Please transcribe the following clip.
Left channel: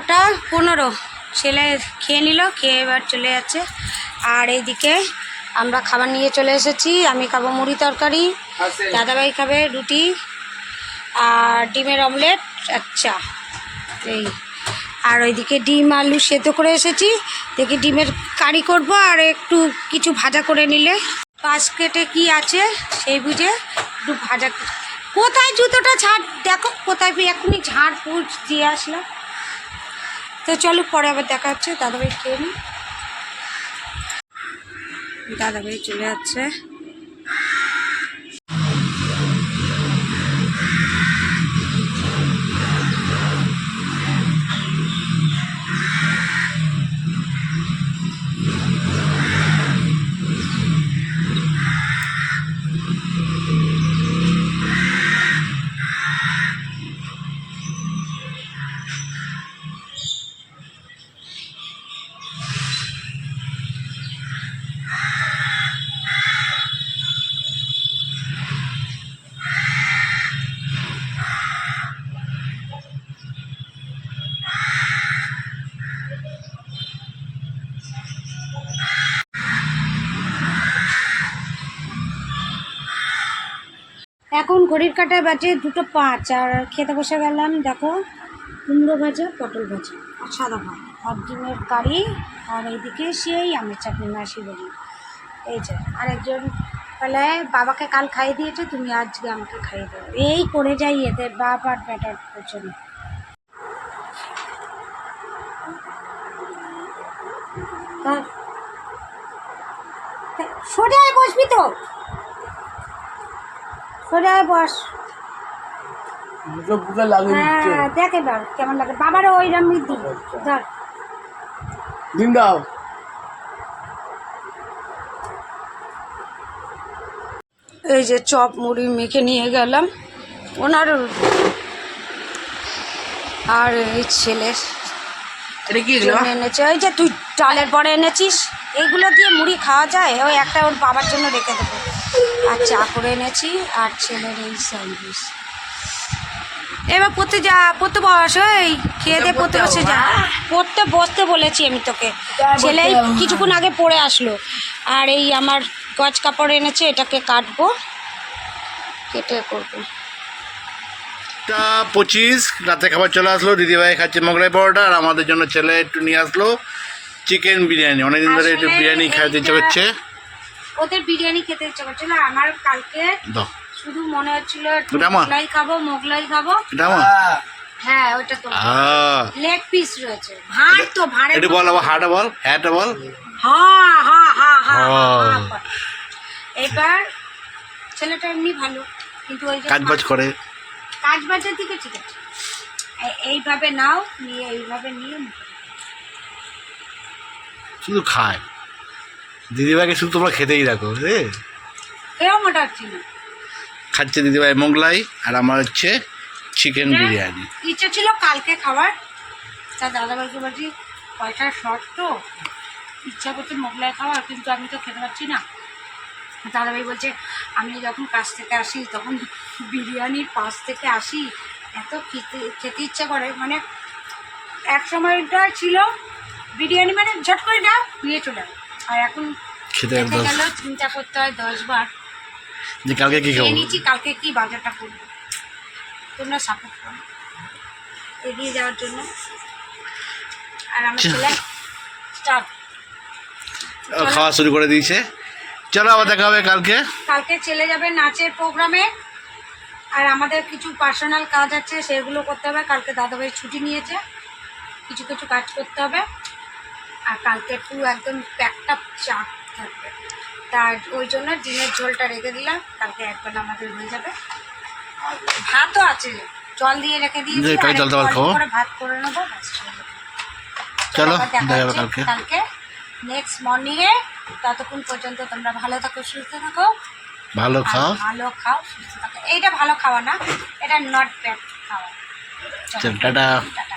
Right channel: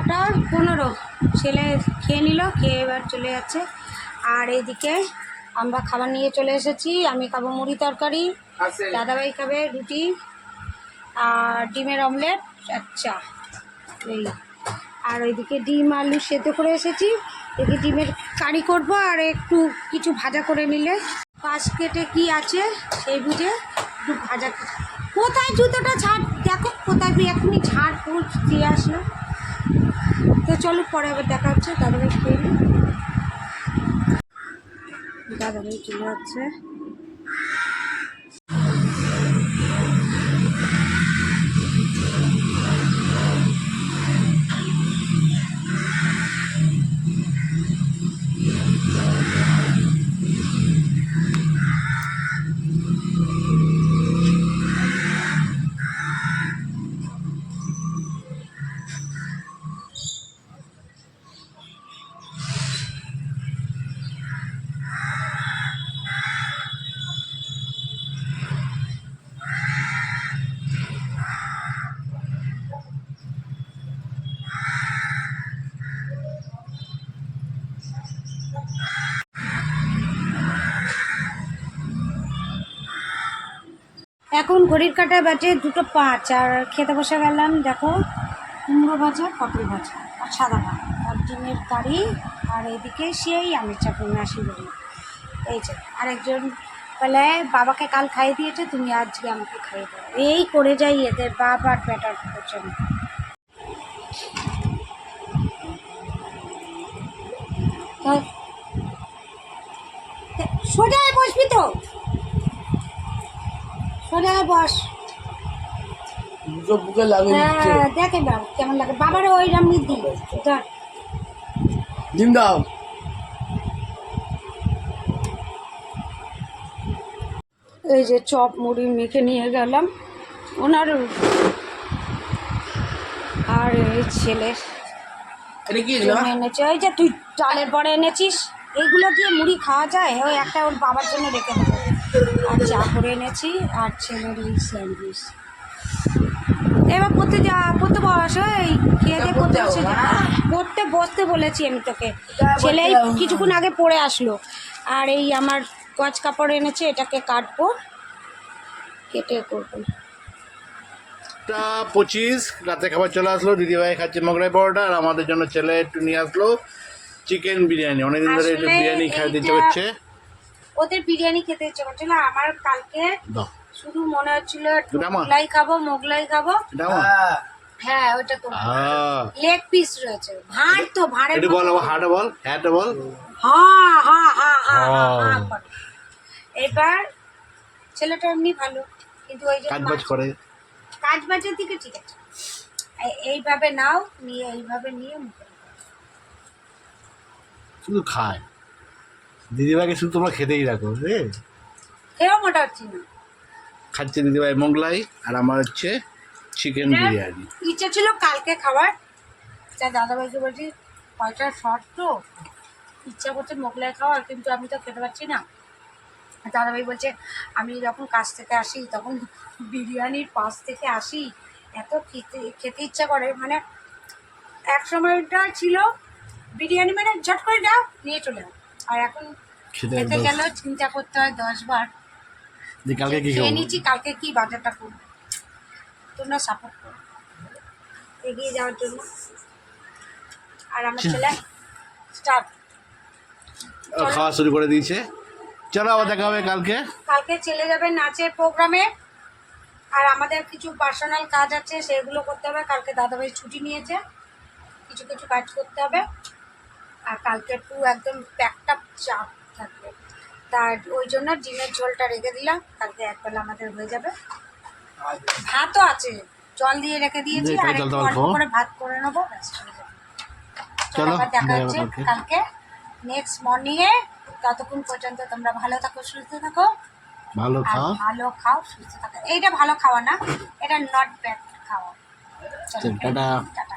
কটা পনেরো। ছেলে খেয়ে নিল, খেয়ে এবার চলে যাচ্ছে। আর এইদিকে আমরা খাবার নিয়ে চলে এসেছি। আমি খাব মুড়ি তরকারি, দাদাভাই খাবে রুটি আর ডিমের অমলেট আচ্ছা এই। আর ওইদিকে ডিম আলু সেদ্ধ করে এসেছি। দেখি ডিমের কারি করব আর একটু কিছু ভাজা করে নিলে। বাস্কেটে কি আছে সেই বুঝে একটু ভাজা কোথায় জুতোটা ছাড়? দেখো কোথায়, এখনই ঝাড় পুছ দিয়ে আসলাম। তো চলো পরে আবার দেখা হচ্ছে দাদাভাই খেয়ে নিই। দাদাভাই চলে যাচ্ছে। এখন ঘড়ির কাটায় বাজে দুটো পাঁচ, আর খেতে বসে গেলাম, দেখো, কুমড়ো ভাজা, পটল ভাজা, আর সাদা ভাত, আর ডিমের কারি, আর এইদিকে সেই আমের চাটনি, মাসি বলি। এই যে, আরেকজন বলে, বাবাকে কাল খাইয়ে দিয়েছে, তুমি আজকে আমাকে খাইয়ে দেবো এই করে যাই এদের বাপ আর বেটার জন্য। তা- তা- বসবি তো? সোজা বস। হ্যাঁ দেখ এবার কেমন লাগে। বাবারও ওই রাম দি ধর। দাও। এই যে চপ মুড়ি মেখে নিয়ে গেলাম। ওনার আর এই ছেলে এটা কি জন্য এনেছে। ওই যে তুই চালের পরে এনেছিস এইগুলো দিয়ে মুড়ি খাওয়া যায়? ওই একটা ওর বাবার জন্য রেখে দেবো। আর চা করে এনেছি আর ছেলের এই স্যান্ডউইচ। এবার পড়তে যা পড়তে বস ওই খেয়ে দিয়ে পড়তে বসে যা। পড়তে বসতে বলেছি আমি তোকে। ছেলে কিছুক্ষণ আগে পড়ে আসলো। আর এই আমার গজ কাপড় এনেছে এটাকে কাটবো কেটে করব। টা পঁচিশ রাতে খাবার চলে আসলো দিদিভাই খাচ্ছে মোগলাই পরোটা আর আমাদের জন্য ছেলে একটু নিয়ে আসলো চিকেন বিরিয়ানি। অনেকদিন ধরে একটু বিরিয়ানি খাইতে ইচ্ছে করছে। ওদের বিরিয়ানি খেতে ইচ্ছে করছিল আর আমার কালকে শুধু মনে হচ্ছিল মোগলাই খাব মোগলাই খাব। হ্যাঁ। ওটা তো লেগ পিস রয়েছে। ভাঁড় তো ভাঁড়ের একটু বল আবার হাটা বল হ্যাঁটা বল। হ্যাঁ হ্যাঁ হ্যাঁ হ্যাঁ হ্যাঁ। হ্যাঁ, হ্যাঁ। এবার ছেলেটা এমনি ভালো কিন্তু ওই যে কাজ বাজ করে। কাজ বাজের দিকে ঠিক আছে। এইভাবে নাও নিয়ে এইভাবে নিয়ে শুধু খায়। দিদিভাইকে শুধু তোমরা খেতেই রাখো খাচ্ছে দিদিভাই মোগলাই আর আমার হচ্ছে চিকেন বিরিয়ানি। ইচ্ছা ছিল কালকে খাবার তা দাদাভাইকে বলছি পয়সা শর্ট তো ইচ্ছা করছে মোগলাই খাওয়ার কিন্তু আমি তো খেতে পারছি না। দাদাভাই বলছে আমি যখন কাজ থেকে আসি তখন বিরিয়ানির পাশ থেকে আসি এত খেতে খেতে ইচ্ছা করে। মানে এক সময়টা ছিল বিরিয়ানি মানে ঝট করে দাও নিয়ে চলে। আর এখন খেতে গেলেও চিন্তা করতে হয় দশ বার যে কালকে কি খাব? নিচ্ছি কালকে কি বাজারটা করব? তোমরা সাপোর্ট করো। এগিয়ে যাওয়ার জন্য। আর আমার ছেলে স্টাফ খাওয়া শুরু করে দিয়েছে। চলো আবার দেখা হবে কালকে। কালকে চলে যাবে নাচের প্রোগ্রামে আর আমাদের কিছু পার্সোনাল কাজ আছে সেগুলো করতে হবে। কালকে দাদাভাই ছুটি নিয়েছে। কিছু কিছু কাজ করতে হবে। আর কালকে একটু একদম প্যাকটা চাপ থাকবে। তার ওই জন্য ডিমের ঝোলটা রেখে দিলাম কালকে একবেলা আমাদের হয়ে যাবে। ভাতও আছে জল দিয়ে রেখে দিয়েছি যে, কাল আর জল একটু দাবার অল্প খাব। করে ভাত করে নেব। চলো কালকে। কালকে। নেক্সট মর্নিংয়ে ততক্ষণ পর্যন্ত তোমরা ভালো থাকো সুস্থ থাকো। ভালো খাও। ভালো খাও সুস্থ থাকো। এইটা ভালো খাওয়া না এটা নট ব্যাড খাওয়া। চল টাটা। টাটা।